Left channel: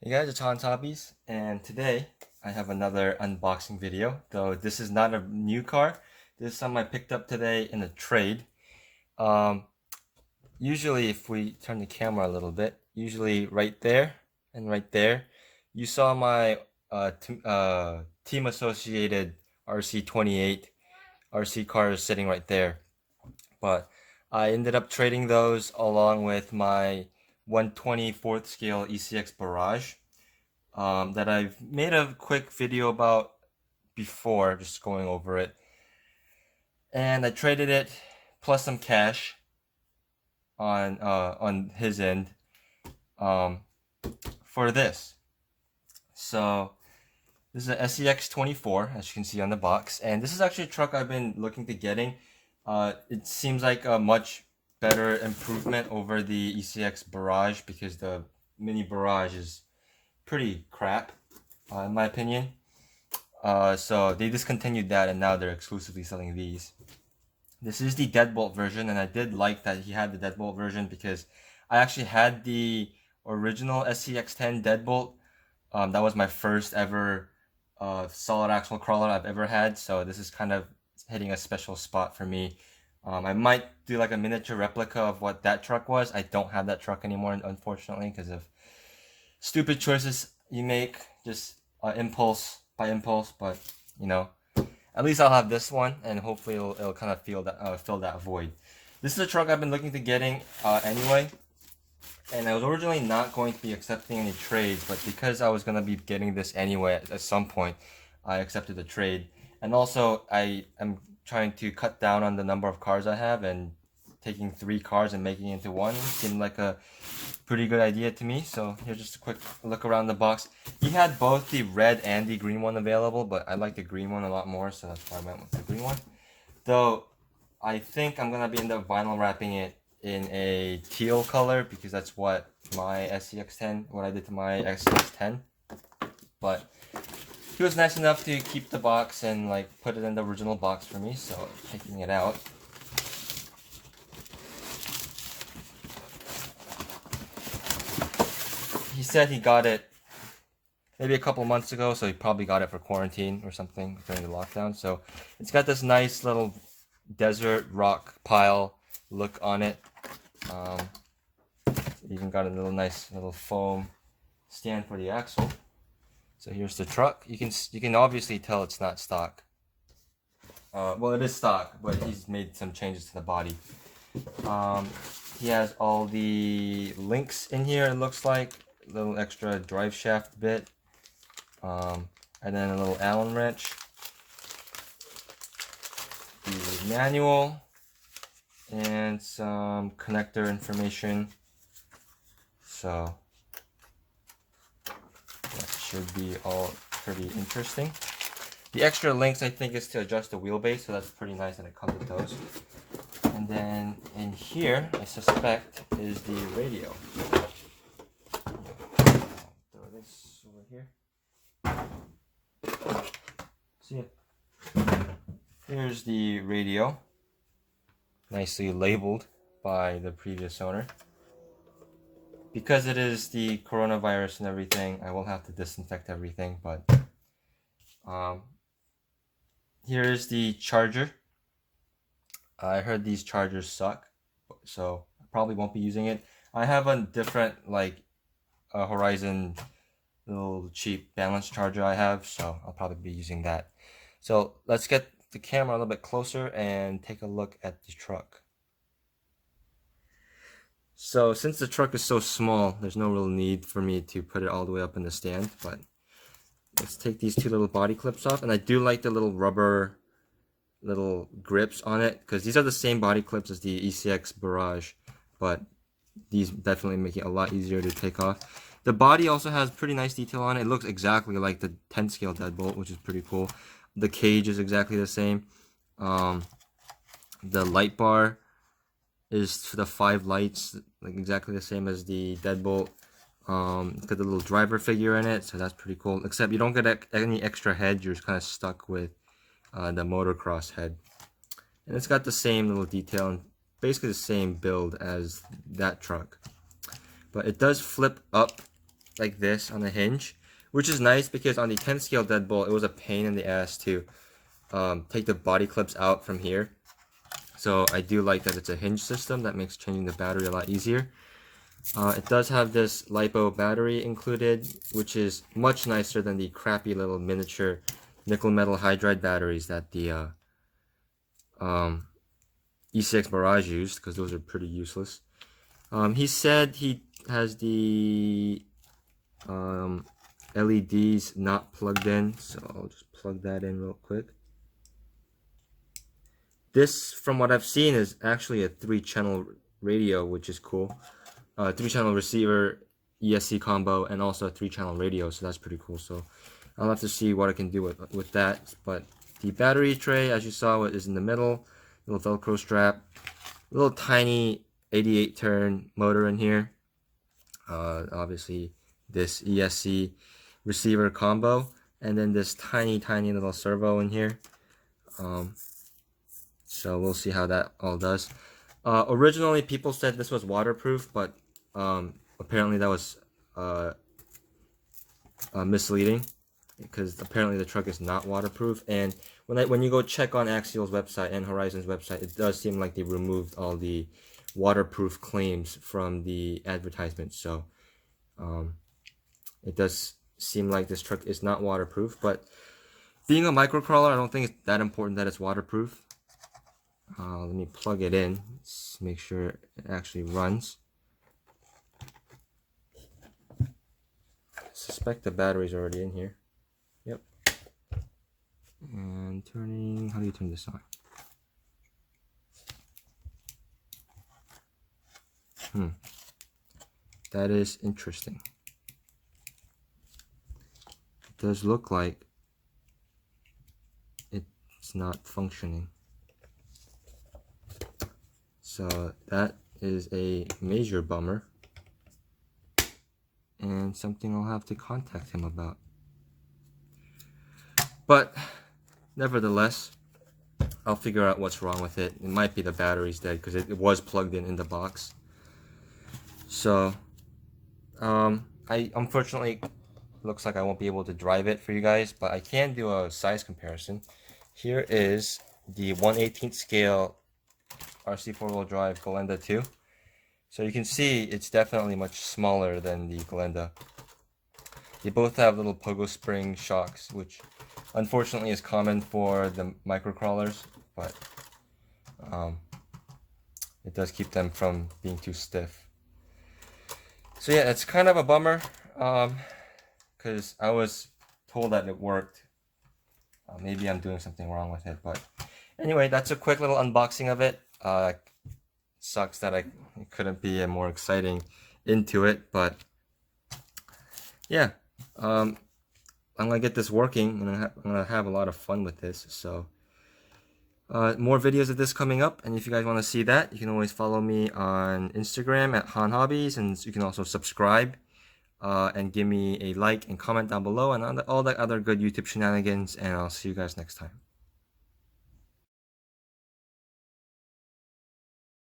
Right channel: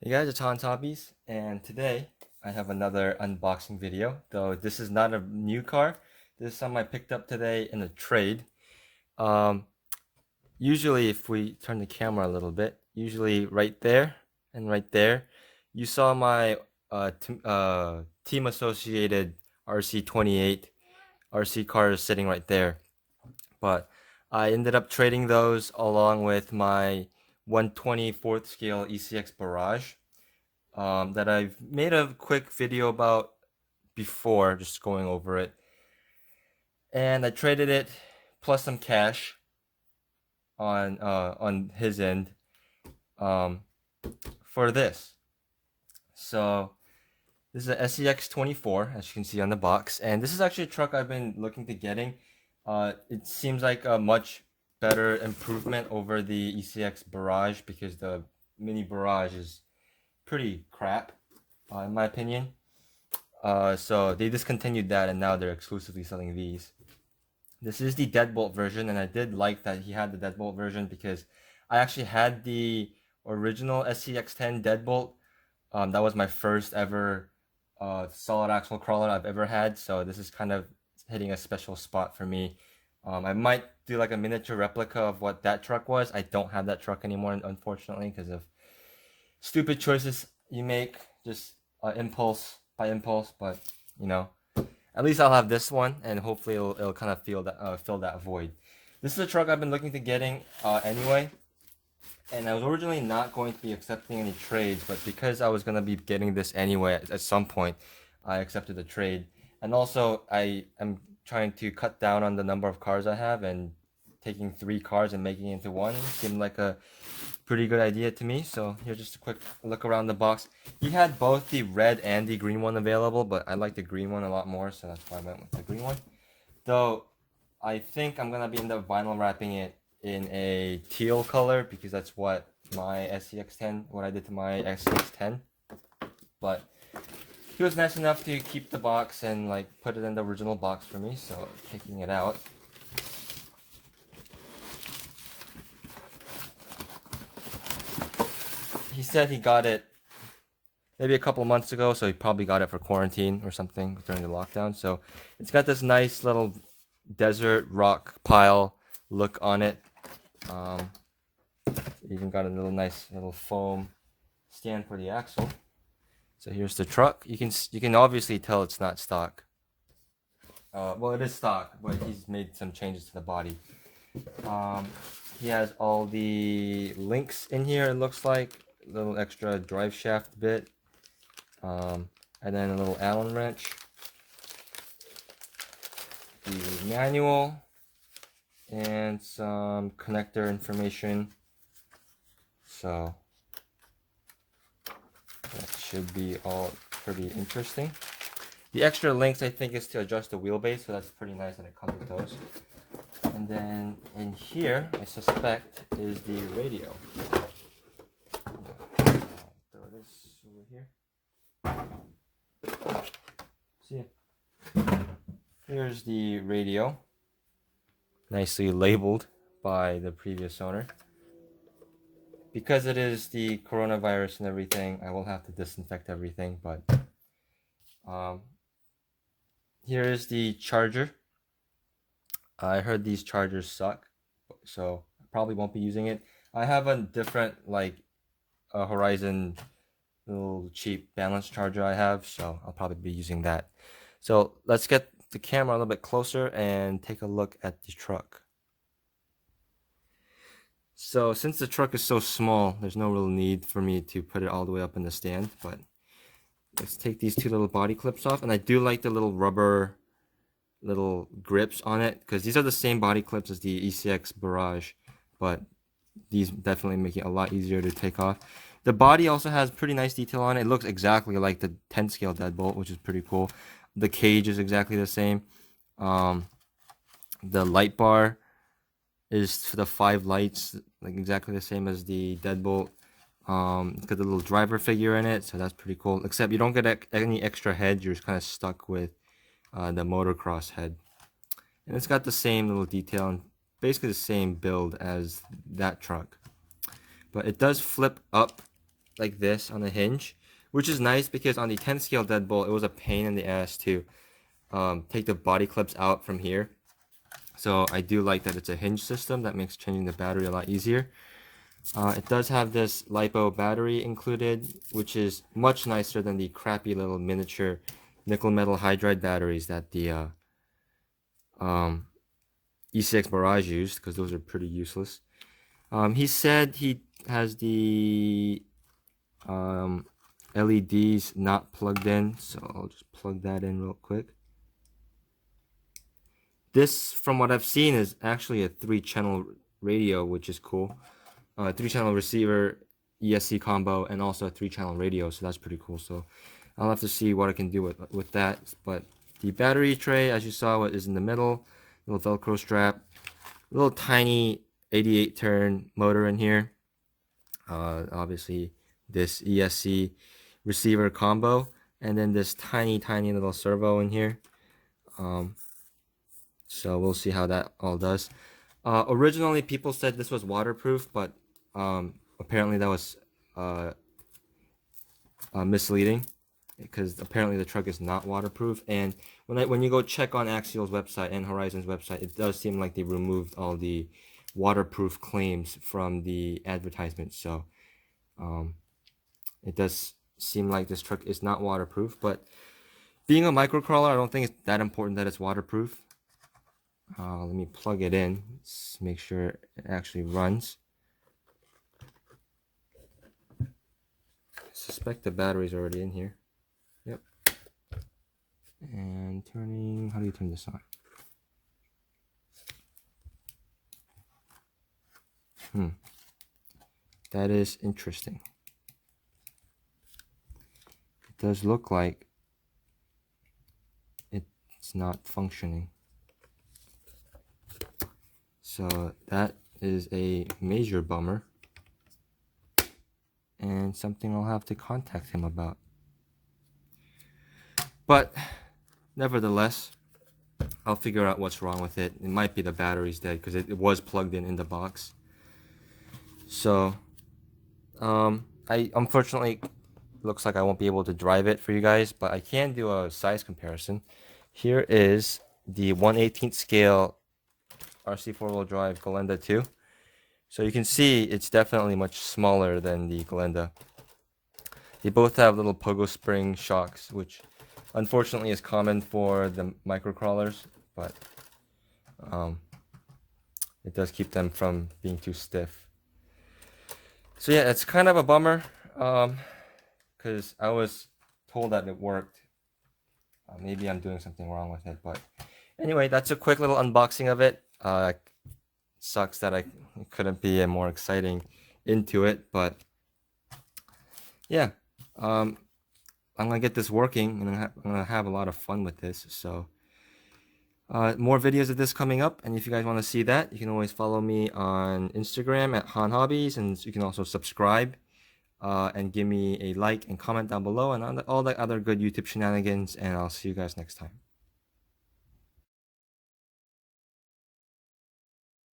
Hey guys, it's Hans Hobbies, and today I have another unboxing video. Though this is not a new car, this is something I picked up today in a trade. Um, Usually, if we turn the camera a little bit, usually right there and right there, you saw my team associated RC28 RC cars sitting right there. But I ended up trading those along with my 1/24th scale ECX Barrage. That I've made a quick video about before, just going over it. And I traded it plus some cash on his end um, for this. So this is an SCX24, as you can see on the box, and this is actually a truck I've been looking to getting. It seems like a much better improvement over the ECX Barrage because the Mini Barrage is pretty crap, in my opinion. So they discontinued that and now they're exclusively selling these. This is the Deadbolt version, and I did like that he had the Deadbolt version because I actually had the original SCX10 Deadbolt. That was my first ever solid axle crawler I've ever had, so this is kind of hitting a special spot for me. I might do like a miniature replica of what that truck was. I don't have that truck anymore, unfortunately, because of stupid choices you make, just impulse by impulse. But you know, at least I'll have this one, and hopefully it'll kind of fill that void. This is a truck I've been looking to getting anyway, and I was originally not going to be accepting any trades, but because I was gonna be getting this anyway at some point, I accepted the trade. And also, I am trying to cut down on the number of cars I have, and taking 3 cars and making it into one seemed like a pretty good idea to me. So here's just a quick look around the box. He had both the red and the green one available, but I like the green one a lot more, so that's why I went with the green one. Though I think I'm gonna be end up vinyl wrapping it in a teal color because that's what my SCX10, what I did to my SCX10. But he was nice enough to keep the box and like put it in the original box for me, so taking it out. He said he got it maybe a couple months ago, so he probably got it for quarantine or something during the lockdown. So it's got this nice little desert rock pile look on it. Um, Even got a little nice little foam stand for the axle. So here's the truck. You can obviously tell it's not stock. Well, it is stock, but he's made some changes to the body. Um, he has all the links in here. It looks like a little extra drive shaft bit, and then a little Allen wrench, the manual, and some connector information. So that should be all pretty interesting. The extra links I think is to adjust the wheelbase, so that's pretty nice that it comes with those. And then in here, I suspect, is the radio. Throw this over here. See ya. Here's the radio, nicely labeled by the previous owner. Because it is the coronavirus and everything, I will have to disinfect everything, but here is the charger. I heard these chargers suck, so I probably won't be using it. I have a different, like, Horizon little cheap balance charger I have, so I'll probably be using that. So let's get the camera a little bit closer and take a look at the truck. So since the truck is so small, there's no real need for me to put it all the way up in the stand, but let's take these 2 little body clips off. And I do like the little rubber little grips on it because these are the same body clips as the ECX Barrage, but these definitely make it a lot easier to take off. The body also has pretty nice detail on it. It looks exactly like the 10 scale Deadbolt, which is pretty cool. The cage is exactly the same. The light bar is for the 5 lights, like exactly the same as the Deadbolt. It's got the little driver figure in it, so that's pretty cool. Except you don't get any extra heads, you're just kind of stuck with the motocross head. And it's got the same little detail and basically the same build as that truck. But it does flip up like this on the hinge, which is nice because on the 10 scale Deadbolt, it was a pain in the ass to take the body clips out from here. So I do like that it's a hinge system. That makes changing the battery a lot easier. It does have this LiPo battery included, which is much nicer than the crappy little miniature nickel metal hydride batteries that the ECX Barrage used, because those are pretty useless. He said he has the LEDs not plugged in, so I'll just plug that in real quick. This, from what I've seen, is actually a 3-channel radio, which is cool. 3-channel receiver, ESC combo, and also a 3-channel radio, so that's pretty cool. So I'll have to see what I can do with that. But the battery tray, as you saw, is in the middle. Little Velcro strap. Little tiny 88-turn motor in here. Obviously, this ESC receiver combo. And then this tiny little servo in here. So we'll see how that all does. Originally, people said this was waterproof, but apparently that was misleading, because apparently the truck is not waterproof. And when you go check on Axial's website and Horizon's website, it does seem like they removed all the waterproof claims from the advertisement. So it does seem like this truck is not waterproof. But being a microcrawler, I don't think it's that important that it's waterproof. Let me plug it in. Let's make sure it actually runs. I suspect the battery's already in here. Yep. And turning, how do you turn this on? That is interesting. It does look like it's not functioning. So that is a major bummer, and something I'll have to contact him about. But nevertheless, I'll figure out what's wrong with it. It might be the battery's dead, because it was plugged in the box. So I unfortunately, looks like I won't be able to drive it for you guys, but I can do a size comparison. Here is the 1/18 scale RC 4-wheel drive Glenda 2. So you can see it's definitely much smaller than the Glenda. They both have little pogo spring shocks, which unfortunately is common for the microcrawlers, but it does keep them from being too stiff. So yeah, it's kind of a bummer, because I was told that it worked. Maybe I'm doing something wrong with it, but anyway, that's a quick little unboxing of it. Sucks that I couldn't be more exciting into it, but yeah, I'm gonna get this working, and I'm gonna have a lot of fun with this. So more videos of this coming up, and if you guys want to see that, you can always follow me on Instagram at Han Hobbies, and you can also subscribe and give me a like and comment down below, and all the other good YouTube shenanigans, and I'll see you guys next time.